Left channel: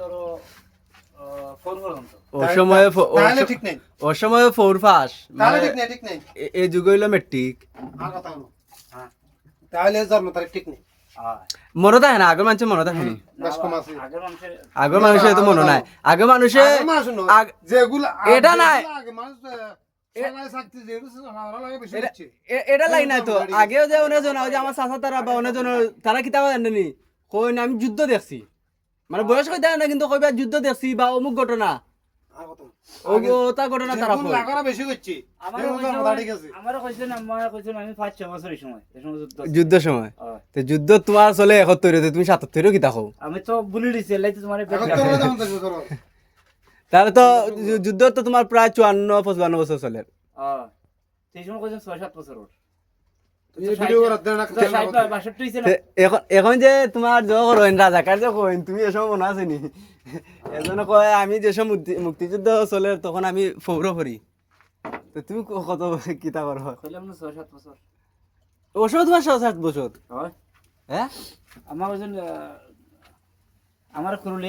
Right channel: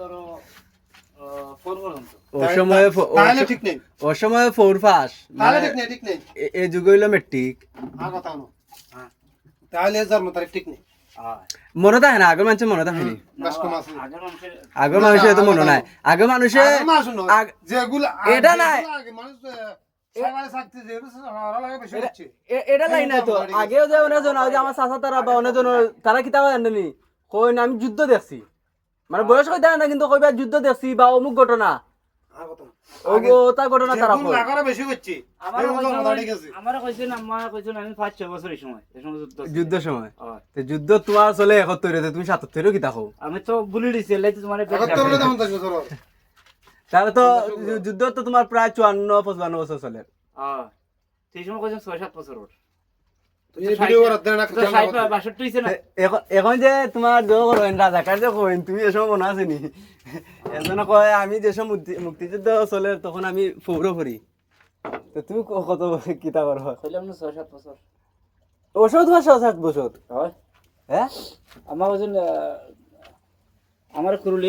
ধরো 4 পর্যন্ত। তাহলে ঠিক নেই, ওই সময় 4 পাস তাহলে ঠিক নেই, ঠিক নেই। এই যুগ হইলো মেট্রিক। আর কথা হলো, হ্যাঁ তাহলে জন্ম তারিখ ঠিক নেই। হ্যাঁ মনে থাকে না, আগের মানুষের মনে থাকে নি। বাস কম আছে। আগের মানুষের আগের মানুষের তো মনে নাই। আগের মানুষে আগের মানুষ নয়, যেগুলো এটা নাই। যেগুলো আগে মানুষ সরকারি চাকরি যেগুলো ওরা লাগে বেশি হচ্ছে। এটা লাই নাই তো। আগেও যে ওনে জন যে আমার চাচা তারা বা ওনে জন তারা কিতাব জানেনি, কই না আমি যুদ্ধ দেখছি, মানে বয়স কই দেয় না কিন্তু কইবা যুদ্ধ দেখছি বা অমুক ঘটনা আর কথা ওটা ঘটনা তারা যেগুলো কই। লাগারা বেশি হচ্ছে, আমারও এগুলো জন্ম তারিখ আছে। কইছেন আমি 5-6 বছর এই সময় যুদ্ধ ছিল। যুদ্ধ সময় হ্যাঁ। তো যুদ্ধ তোমার চলে 71 তুমি 77 কিতা কও। আমি তো বলি দিছি লাইতে তোমার এখন তো আমরা যেমন থাকবে ধরো, তাহলে তো যুদ্ধ তো তোমার প্রায় 54-55 বছর চলে। হ্যাঁ সেই সময় কইছেন 6-7 বছর ওর। এই ভিডিও করার দেন না, 62 হইছে না। এখন যে তোমার জোর হইন রাজাকার যে কইন তুমি এসব মনে আছে নি? এজন্য কয় আমি যেসব মুক্তিযুদ্ধ চলে তখন আমি ফৌর করি, তো তুমি কত কিতা করো? কইলাম না 6-7 বছর। ওষুধ তোমার 7 বছর হয় হ্যাঁ আমার কইছেন আমার কুরুলি